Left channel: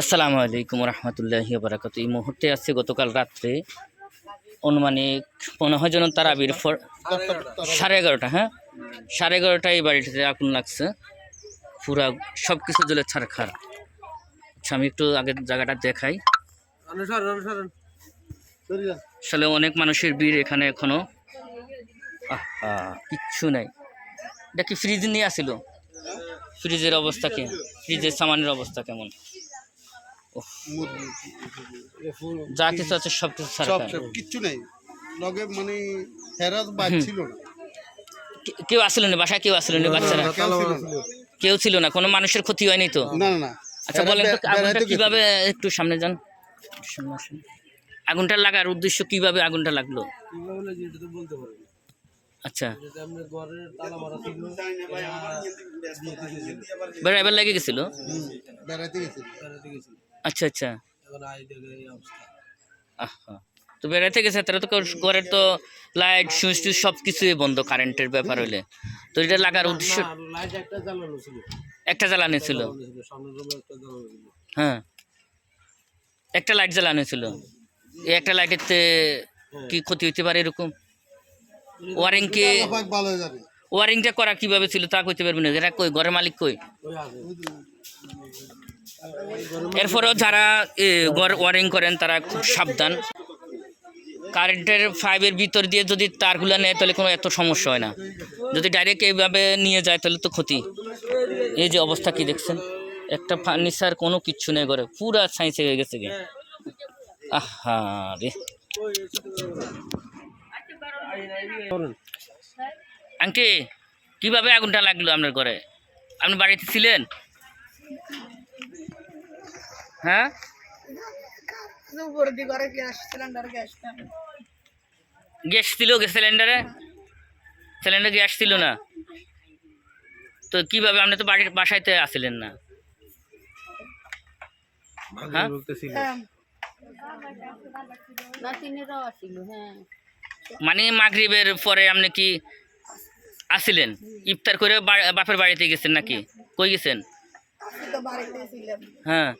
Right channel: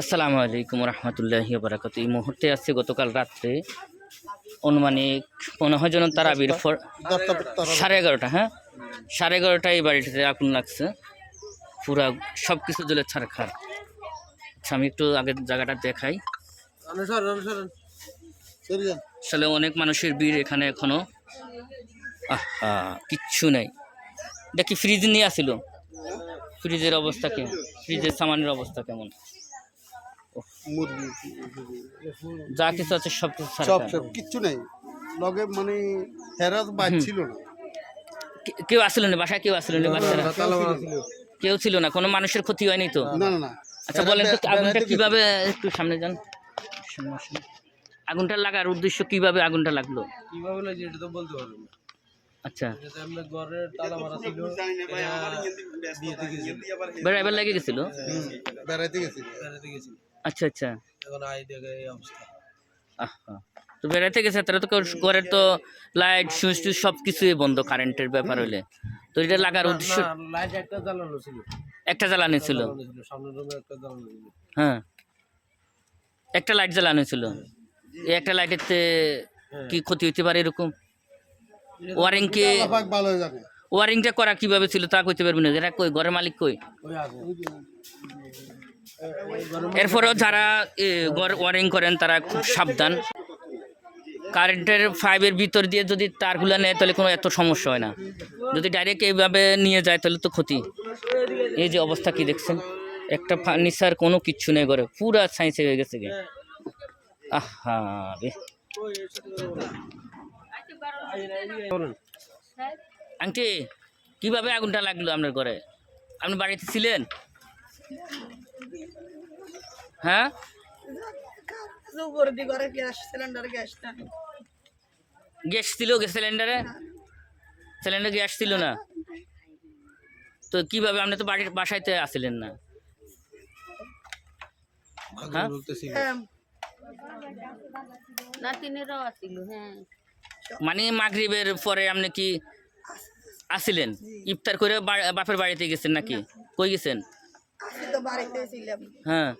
আসসালামু আলাইকুম রহমতুল্লাহি বারাকাতু। এই মুহূর্তে আছে গতকাল রাত্রে অনুমানিক 15 জন তারাবির 11:30, হ্যাঁ 11:30টায় বাড়িতে আগুন লাগছে, পুরা সব কিছু জ্বলে ছারখার। আচ্ছা, আমি একটু আগের জায়গাটা দেখাই। আসলে অনেক মানুষের ভিড় এখানে এখনো। কিচ্ছু নাই। দেখি ফ্রিজ নিয়ে আসিল, ফ্রিজের অবস্থা কি, ফ্রিজের সামানের অবস্থা কেমন। যা কিছু আছে সব কিছু কিচ্ছু নাই লগে, মানে হেরাত বাইর ছিল না, কেউ আসলো না বাসায়, কেউ আসলো না, বাচ্চারা কেউ ছিল না, কোনো মানুষের ক্ষতি হয়নি তো? না না। আচ্ছা বলেন তো, আগুনটা কিভাবে, একটু সামনে যান, আগুনটা লাগার উদ্দেশ্য কিভাবে আগুনটা লাগলো? কিভাবে লাগছে এটা তো বলতে পারবো না। আচ্ছা, আমরা ঘরের তালা মারা ছিল, বেড়াইবার লেগে গেছিল, বেড়াইতে গেছিল। আচ্ছা আচ্ছা। এখন আই দেখে এই অবস্থা। তো বেড়াইতে গেছে, তারা তো ঘরের তো লাইট সুইচ টুইচ সব কিছুই বন্ধ, কারেন্টের ব্যাপার হলে তো এটা লাগার উদ্দেশ্য। লাইট একটা জ্বালানো ছিল, একটা জ্বালানো ছিল, সামনের রুমে একটা জ্বালানো ছিল। হ্যাঁ একটা লাইট জ্বালানো ছিল। এই একটা লাইটেতে কি ক্ষতি হইতে পারে এরকম? ওয়ারিং কে, ভালো জানে ওয়ারিংটা করা কিভাবে ছিল তা কইতে পারবি না। এরা কই, ঘরের মালিক কই? এরপরও যারা ঘর ওয়ারিং করেন তারা খুব সাবধান। কারেন্টের পাইপের ভিতর দিয়ে যদি তারগুলো নেয় তাহলে কোনো এত সমস্যা হয় না, যদি ডাইরেক্ট এইভাবে নিয়ে যায় তাহলে তো ক্ষতি। এই যে অবস্থা কি দেখছেন, একটা ফার্নিচার কোনো কিচ্ছু নেই ঘরে, পুরা সাইন্স হয়ে গেছে গে। আহা রে, আঙ্টি কিভাবে আগুনটা লাগলো আপনার ঘরে? আপনি বাড়িতে ছিলেন? হ্যাঁ, গ্যাস ছিল, গ্যাস সিলিন্ডারে, সিলিন্ডার গ্যাস ছিল না তো কিভাবে? আপনি তো বাড়ির বাসাইতে আসছিলেন না? হ্যাঁ, মানে মাগরিবের পরে আপনি কি আসছিলেন? ইফতার করে বাপের বাড়িতে গেছেন নাকি? কই গেছেন? হ্যাঁ,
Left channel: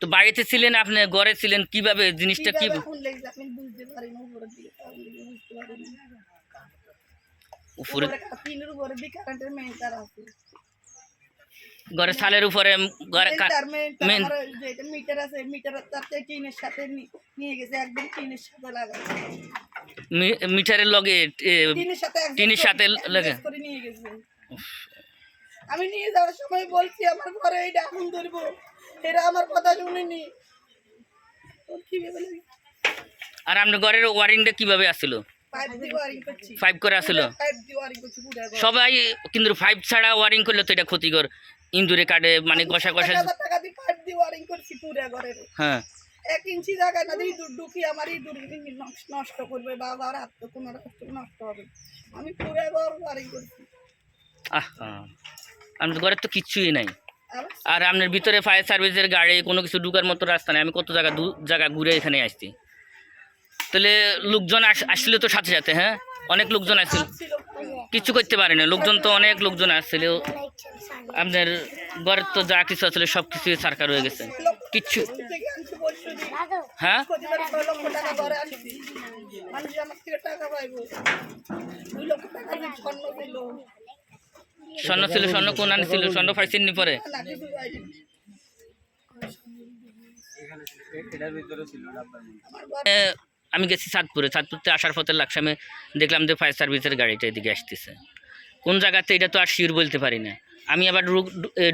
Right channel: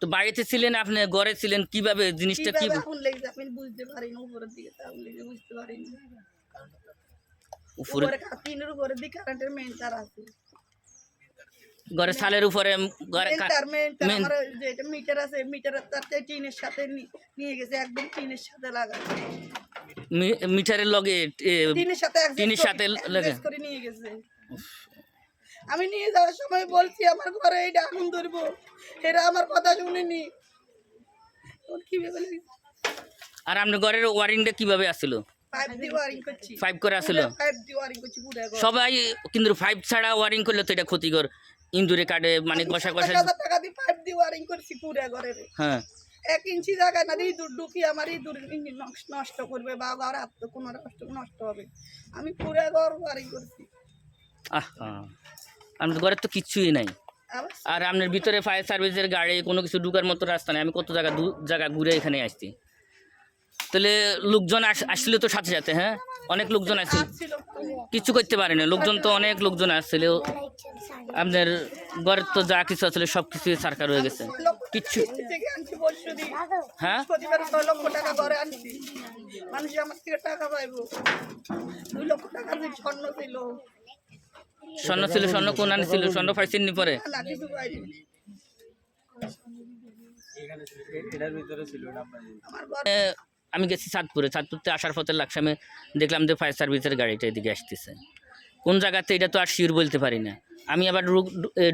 তো বাড়িতে ছিলেন, আপনি ঘরে ছিলেন, কিভাবে জিনিসটা কি? উপরে ঘরে ছালের উপরে মিটার আছে, মিটারের তার টিনের সাথে নিয়ে গেছে, একদম টিনের সাথে লাগা, মিটারের লগে টিনের সাথে লাগে করে নিয়ে গেছে। আমি নিয়ে যাওয়ার সময় বলছি আমার ঘরে এইটা আগুন ধরবো, এরা আমার কথা শুনেনি। আর আপনার ঘরের ওয়ারিংটা কিভাবে আসছিল? পাইপ করে আসছিল সবাই, কিন্তু পাইপ ছাড়া ওয়ারিং করলে তো এটা ক্ষতিকর, ইন্দুরে কাটে, মানে ঘষা ঘষা। টাকা দিয়ে পাইপ দিয়ে ওয়ারিং করছি পুরো ঘরের। হ্যাঁ, 1 ইঞ্চি জায়গায় না দিয়ে ঢুকি আমার ইঁদুর নষ্ট করবে বা ঘর কোনো নষ্ট হবে, আমি পুরো ঘর ওয়ারিং করছি। আপনার ঘরের তো কিচ্ছুই নাই, আর আপনার ভিতরে ফায়ার সার্ভিসের গাড়ি কোনো কিছু ঢুকার মতো রাস্তা নেই। আমি কত জায়গা ঘুরে এখানে আসছি, তাহলে লোকজন আসছিল তো সাথে সাথে? হ্যাঁ, অনেক লোকজন আসছিল, কিছু করতে পারে না, লোকজন তো অনেক লোকজন আসছিল। আপনার ঘরের তো যা কিছু আসলে সব কিছু সরকার হয়ে গেছে, কিচ্ছু। হ্যাঁ, স্বর্ণ ছিল, স্বর্ণ কোন আনি ছিল? স্বর্ণ পাইছেন নি পরে? আমি গেছি চাঁদপুরতে আসার পথে লাকসামে দেখলাম যে ফায়ার সার্ভিসের গাড়িটা এদিকে আসতেছে, কোন জায়গাতে এটা তো আর শিওর বলতে পারি না। আমি আবার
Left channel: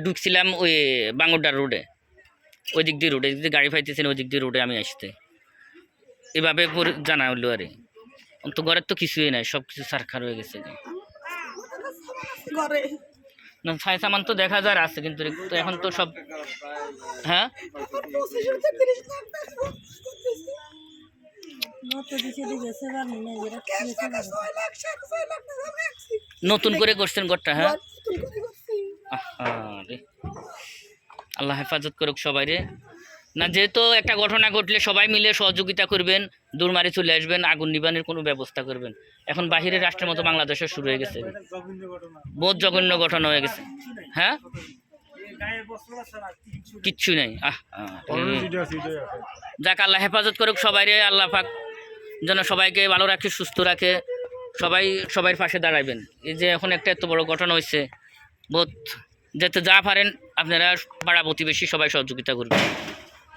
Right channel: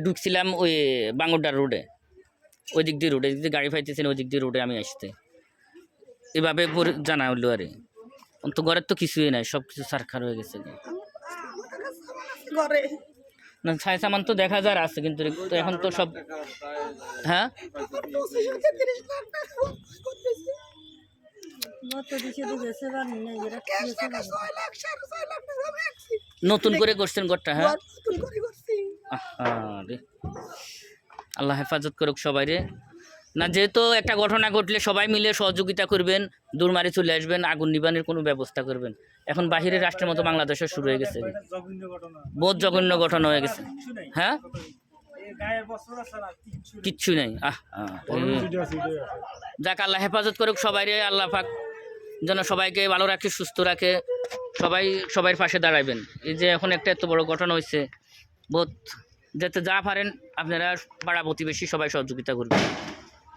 ঢুকছিলাম ওই বাঙ্গরডার রোডে, ওই দিক দিয়ে রোডে গাড়ি পাইতেছেন, ওই দিক দিয়ে রোডে আমি আসতে, এভাবে জানা হলো। আরে তো ঘরের তো কিছুই নাই, সব কিছু সারখার হয়ে গেছে। ছায় সামান তো দেখা যায় আছে, কিন্তু এখন তো সব। হ্যাঁ, নতুন করে করছেন ঘরটা? হ্যাঁ, আল্লাহ হেফাজত করুক সবাই রে। না, যেহেতু একটা ঘটনা ঘটলে সবাই মিলে সহযোগিতা করবেন, দূরমারি চলে আসবেন, আগুন নিবানের কোনো ব্যবস্থা করবেন। এখন বাহিরের রাষ্ট্রের মতো বাংলাদেশে শুরু হয়ে গেছে, বহুত জঘন্য ঘটনা হয়ে গেছে। হ্যাঁ, কিচ্ছু নেই। যাক আল্লাহ হেফাজত করুক সবাই, আল্লাহ পাক যেন সবাইকে ভালো রাখে, সুস্থ রাখে, সবাই সবার পাশে দাঁড়াবেন। এই যে এখন একটা এত বড় ঘটনা হয়েছে, বহুত যাতে যা পারেন আপনারা পাড়া প্রতিবেশী সবাই সহযোগিতা করবেন,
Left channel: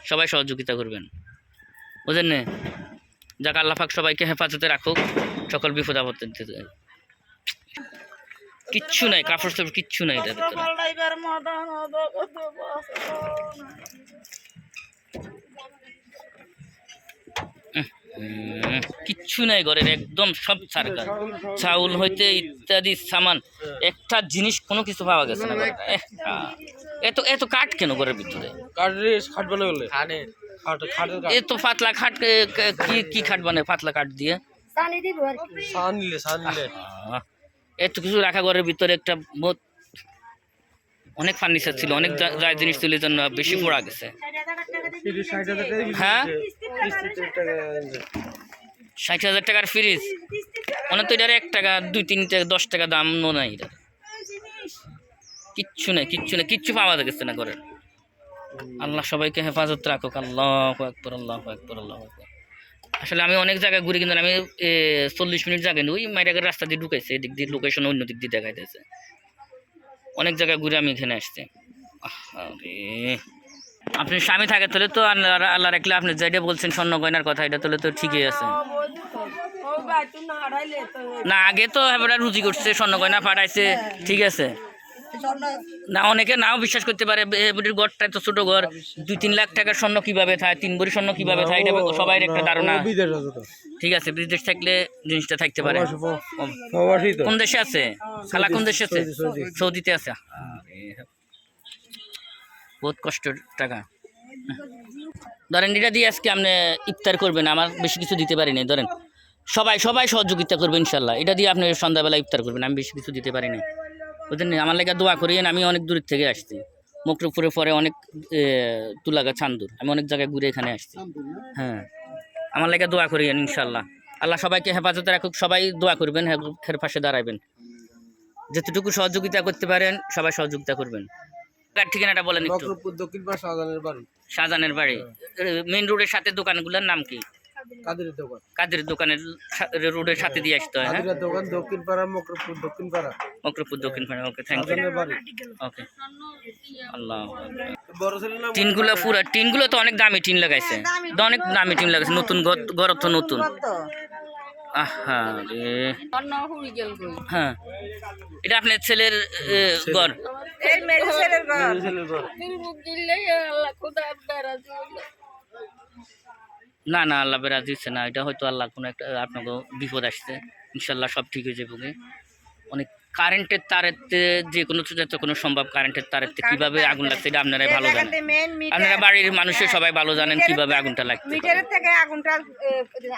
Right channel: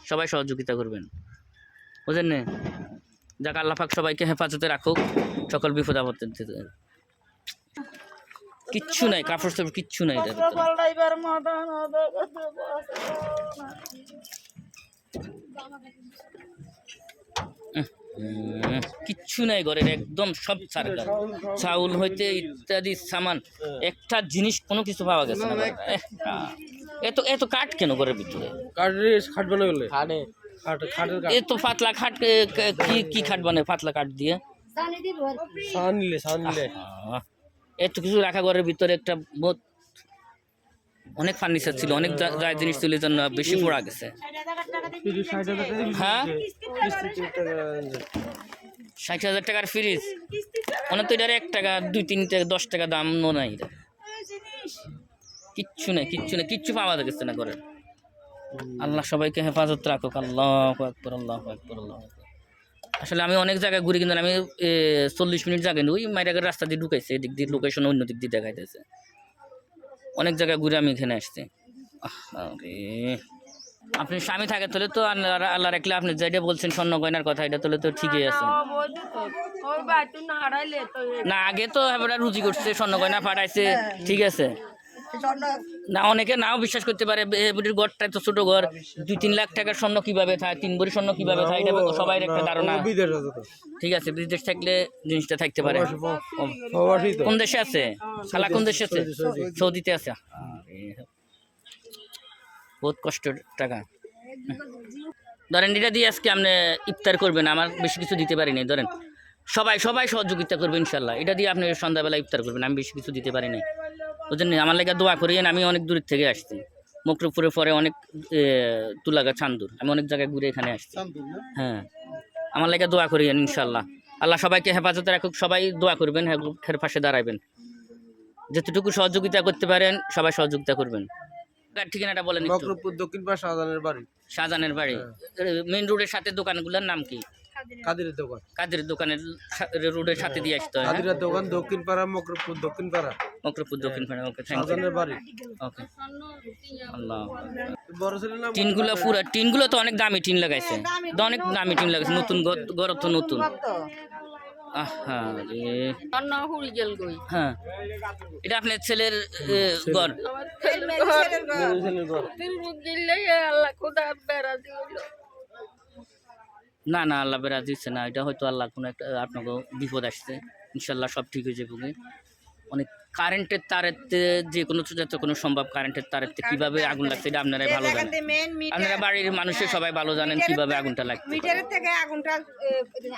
সবাই সহযোগিতা করবেন, বুঝলেন না? যাক আল্লাহ পাক সবাইকে হেফাজতে রাখুক সকল বিপদ আপদ থেকে। কিচ্ছু নাই, কাপড় চাপড় কিচ্ছু নাই এটার ভিতরে। কিচ্ছু নাই ঘরের, একদম সব সারকার, চাউল হইতে ইত্যাদি সামান, একটা জিনিস কোনো কিছু পাওয়া গেছে না ঘরে। এত এত কাঠ কেন ঘরের ভিতরে? খাট বানাবে বলে এত পাতলা খাট, কি কি খাট বানায় পাতলা কাঠ দিয়ে? এত কিছু রাখা ঘরের ভিতরে, একটা বহুত অনেক ফার্নিচার ছিল, অনেক যা জিনিস ছিল, এই জন্য বেশি পড়া গেছে। হ্যাঁ 60,000 টাকার ফ্রিজ, অনেক তো এটার 1 টাকা 2-3 টাকা 10 টাকা দাম নাই এটা। কিচ্ছু নেই, কিচ্ছু নেই, কিচ্ছু পাওয়া গেছে না ঘরের। আল্লাহ সবাইকে হেফাজত রাখুক। আল্লাহু আকবার, আল্লাহু আকবার, আল্লাহু আকবার। আসলে আমি অনেক জায়গায় ঘুরি, কিন্তু আমি 40 মিনিট জায়গায় ওই মাইরাগের রাস্তা দিয়ে ঢুকাইছে, এদিক দিয়ে লোকেশন অন্য দিক দিয়ে দেখাইতেছে। অনেক জায়গায় ঘুরে আমি এখানে আসছি। আপনি স্বামী থাকে তাহলে তো আল্লাহ রাখলে, আপনি যেটা বলছেন স্বর্ণ গয়নার কথা, এটা তাহলে তো ঠিকই আছে না? আগে তো এবার রুজি করছে, স্বর্ণ গয়না পাঠাইছে, ঠিক আছে না? অনেকে নাও বিশ্বাস করতে পারে, এবারের ঘরটা তো ছোট ঘর, 2-3 লাখ টাকার স্বর্ণ কিভাবে থাকে, 3 ভরি স্বর্ণ কিভাবে থাকে, এটা সবাই একটা ধারণা। ঠিক আছে, বিদেশ থাকলে জিনিসটা থাকতে পারে। কোন দেশে আছে খালা? কোন দেশে আছে? সৌদিতে আছে। বহুত কষ্টের টাকা। ধরেন এটা দিয়ে আজকে আপনি ইফতার করবেন, আমার বেশি কিছু দিতে পারি নাই। ধরেন সবাই সবাই সহযোগিতা করবে ইনশাল্লাহ, এটা দিয়ে আপনি সন্ধ্যাবেলা ইফতার করবেন, আমি বেশি কিছু দিতে পারি নাই, বুঝলেন? আমার লেগে দোয়া করিয়েন। আমি অনেক দূর থেকে আসছি, মকরপুরের পরে অনেক তুলাগা চান্দুর, আমি অনেক জায়গায় ঘুরে এখানে আসছি। হ্যাঁ, আমার লেগে দোয়া করিয়েন ইনশাল্লাহ। আল্লাহ সবাইকে হেফাজতে রাখুক, সবাই দোয়া করবেন, হের পাশে দাঁড়াবেন, যতটুকু সহযোগিতা করতে পারেন সবাই সহযোগিতা করবেন। ঠিকানাটা বলেন একটু। দক্ষিণ পাড়া শাহজাহানের বাড়ি। শাহজাহানের বাড়ি মেইন রোডের সাথে দোকানগুলোর নাম কি? কাদের দোকান। কাদের দোকানের রোডের সাথে দিয়ে আসতে হয়। কাদের দোকান দক্ষিণ পাড়া, মকরপুর দক্ষিণ পাড়া। মকরপুর দক্ষিণ পাড়া। ওকে, থ্যাংক ইউ। শাহজাহানের বাড়ি। ওকে, আল্লাহ। বড় ছেলে না? টিনগুলো পুরো, টিনগুলো তো অনেক দামি টিন লাগাইছে, অনেক দামি টিন লাগাইছে, নতুন ঘর তো নতুন। হ্যাঁ, এটা আপনার ছেলের ঘর? না না, আল্লাহ বেড়া দিচ্ছে না, এটা হয়তো আল্লাহ কোনো একটা আপনাকে বিপদ আসছে, ইনশাল্লাহ সব ঠিক হয়ে যাবে। অনেক কারেন্টের তারেতে যে কোনো সম্ভব, কারেন্টের তারেতে কিভাবে আগুন লাগছে এটা আপনারাই ভালো জানেন, আপনারা বাড়ির মানুষের সবাই ভালো জানেন কিভাবে আগুনটা লাগছে। মিটারের থেকে আগুনটা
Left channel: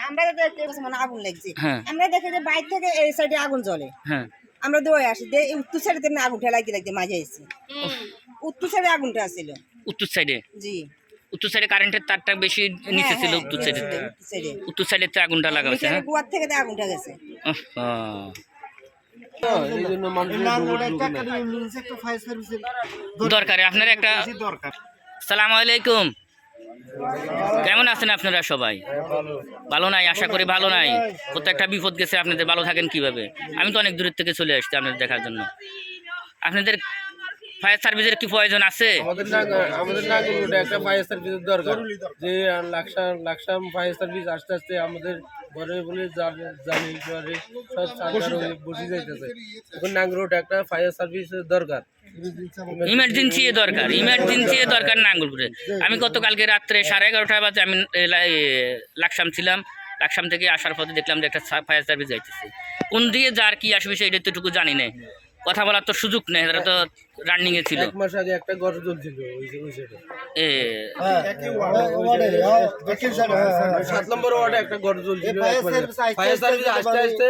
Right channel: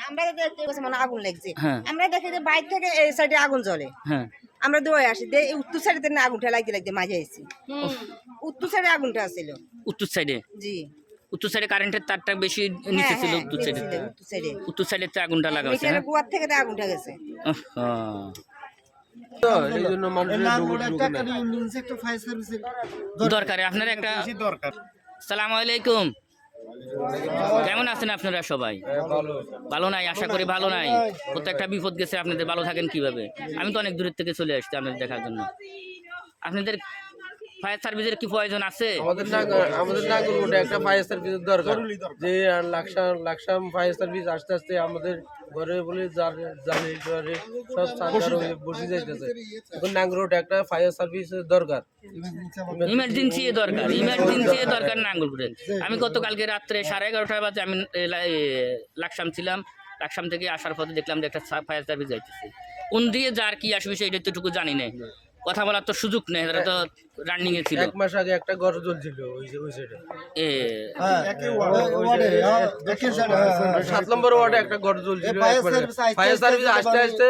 আমরা দেখতে মানে আগুন লাগছে, হ্যাঁ, আমরা দেখি যে বাইরে থেকে এই সাইডে আগুন জ্বলে, হ্যাঁ, আমরা দৌড়ে আসি, উত্তর সাইডে আগুনটা লাগতে মাঝে এসেছি, উত্তর সাইডে আগুনটা আসছিল। উত্তর সাইডে? জি, উত্তর সাইডে কারেন্টের তারটা বেশি নিচে ছিল, উত্তর সাইডে। উত্তর সাইডে আগুনটা লাগা হয়েছে। হ্যাঁ, গোয়ার থেকে আগুনটা গেছে। দরকার আপনার একটা। সালামু আলাইকুম, কেমন আছেন আপনারা সবাই? ভালো নাই? আশা করি ভালো নাই। প্রত্যেকটা বিপদ গেছে, আপনাদের ভালো থাকেন কিভাবে? আমি তো অনেক দূরের থেকে চলে আসছি আপনাদের দেখার জন্য। আপনাদের ফায়ার সার্ভিসের কি প্রয়োজন আছে? আমাদের নাগরকোটে একটা ফায়ার সার্ভিসের দরকার, যে লাকসাম ফায়ার সার্ভিস আস্তে আস্তে আমাদের ঘরে বলে জালে সব বসে যাইতেছে। এখন নাগরকোটে একটা ফায়ার সার্ভিসের দরকার, ইমার্জেন্সি দরকার নাঙ্গলপুরে। আমি গতকালকে রাত্রে 11:30 বাজে আমি লাকসাম ছিলাম, লাকসাম থেকে আসার পথে দেখলাম যে একটা ফায়ার সার্ভিস যাইতেছে। কোন দিয়ে যার কি আসবে সেটা তো টুকু জানি না, কথা বলার তো সুযোগ নেই, তারা তো রানিং এ ছিল। 1 মাস আগে একটা ঘর জ্বলছিল ওই সাইডে, 7 নম্বর ওয়ার্ডে একটা ঘর জ্বলছিল। ফায়ার সার্ভিস আস্তে আস্তে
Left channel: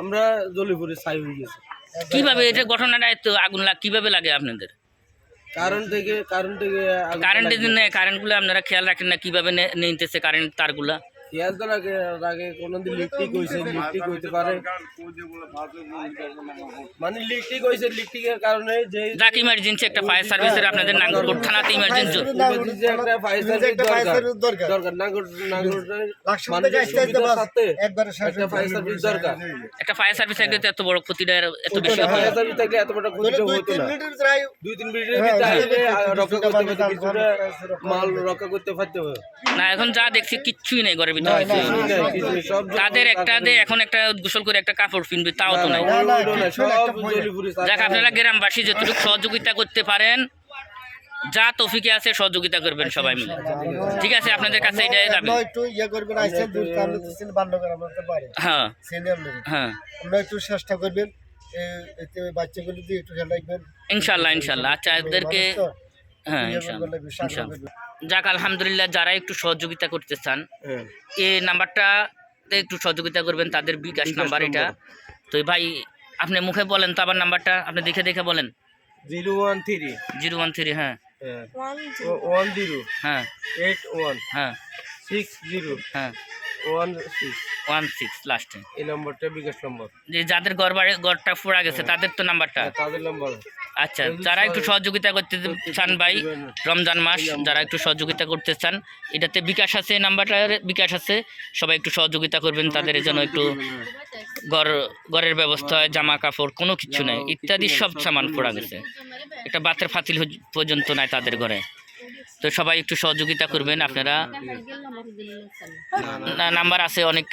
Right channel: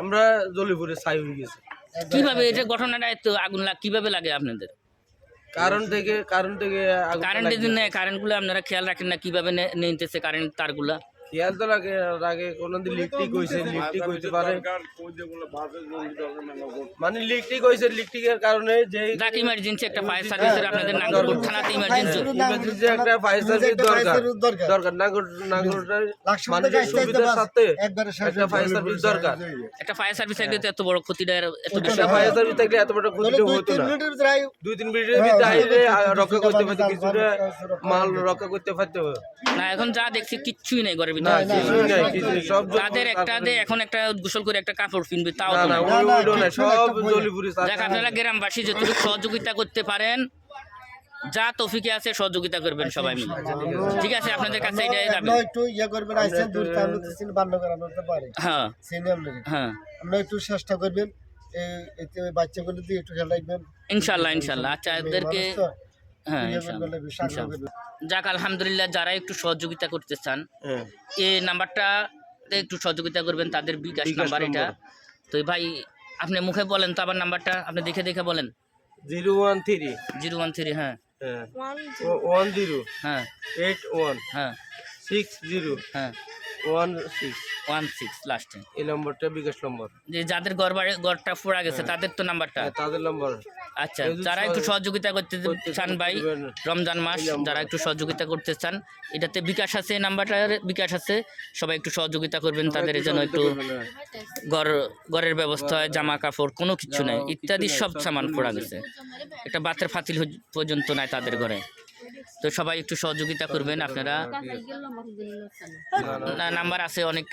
আমরা জ্বলিপুরে ছাই হয়ে গেছি। কিভাবে এটা ঘটনাটা এত আগুন কিভাবে লাগে আপনাদের? কারেন্টের দিন কারেন্টগুলো আপনারা খেয়াল রাখেন না কিভাবে নিতেছে কারেন্ট তারগুলা? খেয়াল তো আগে কোনদিন লিকটিক হয়েছে, লিকটিক হইতে পারে, মানে লিকটিক হয়েছে, লিকটিকের কারণে যে যাক ইমার্জেন্সি একটা ফায়ার সার্ভিসের আপনাদের নাঙ্গলকোট থানাতে ইমার্জেন্সি emergency একটা ফায়ার সার্ভিস দরকার নাঙ্গলটার মানুষের সুবিধার সাথে একটা ফায়ার সার্ভিস দরকার। একটা ফায়ার সার্ভিস থাকলে তো এত বড় ক্ষতিটা এত বেশি একটা ফায়ার সার্ভিস থাকলে এত বড় ক্ষতি হতো না। 2-3 মিনিটের ভিতরে আইলে রক্ষা করতে পারতো, কিছুটা মাল রক্ষা করতে পারতো না। এখন যা দেখছি কিচ্ছুই নেই ঘরের ভিতরে। সব তাদের একটা এখন একটা গোসল করে একটা কাপড় কিনবে তাও তো নাই। সব জলিপুরি যাক আপনারা গ্রামবাসী যতটুকু সহযোগিতা করতে পারেন, যা তৌফিকে আছে সহযোগিতা করবেন সবাই মিলে। ঠিক আছে, আপনাদের কাছে এটাই দাবি। একটু ইয়ে করবেন, আইসেন দূর আমরা তো চিনি বান্নগর আমরা তো পারি হ্যাঁ চিনি আমরা, হ্যাঁ আমরা একটু চেষ্টা করবেন এতে ওই বাচ্চাগুলো দিয়ে একটু খেয়াল রাখবেন ইনশাল্লাহ ইনশাল্লাহ। আচ্ছা এদেরকে মানুষ তো, হ্যাঁ ইয়ে ইনশাল্লাহ করবেন, বিশ্বাস ইনশাল্লাহ। করবেন। যাক আলহামদুলিল্লাহ, যারা একটু সহযোগিতা করতে চান এই নাম্বারটাতে একটু সহযোগিতা করবেন, তাদের বিকাশ নাম্বার এটা। তো ভাই আপনি মুখে বলেন তো আবার নাম্বারটা, আপনি দেখে দেখে বলেন। 013 013 হ্যাঁ 10 হ্যাঁ 81 হ্যাঁ 60 হ্যাঁ 16 16 লাস্টে। এই নম্বরটা বিকাশ নম্বর, যে যাদের ঘরটা পোড়া গেছে তাদের তো নাম্বারটা। তাদের নম্বর। আচ্ছা, যারা একটু সহযোগিতা করতে চান ভাই, রমজান মাস, যারা একটু সহযোগিতা করতে চান, এটাতে বিকাশ আছে, নাম্বারটার বিকাশ আছে, সবাই একটু সহযোগিতা করবেন তাদের জন্য। একটু ঘরের ব্যবস্থা হয়, জামা কাপড় কোনো কিছু নাই, ইত্যাদি সব সামান পড়া গেছে, একটা বাতের ফাতিল পর্যন্ত নাই তাদের ঘরে। তো সবাই একটু সহযোগিতা করবেন আপনারা। নাম্বার আছে অনেক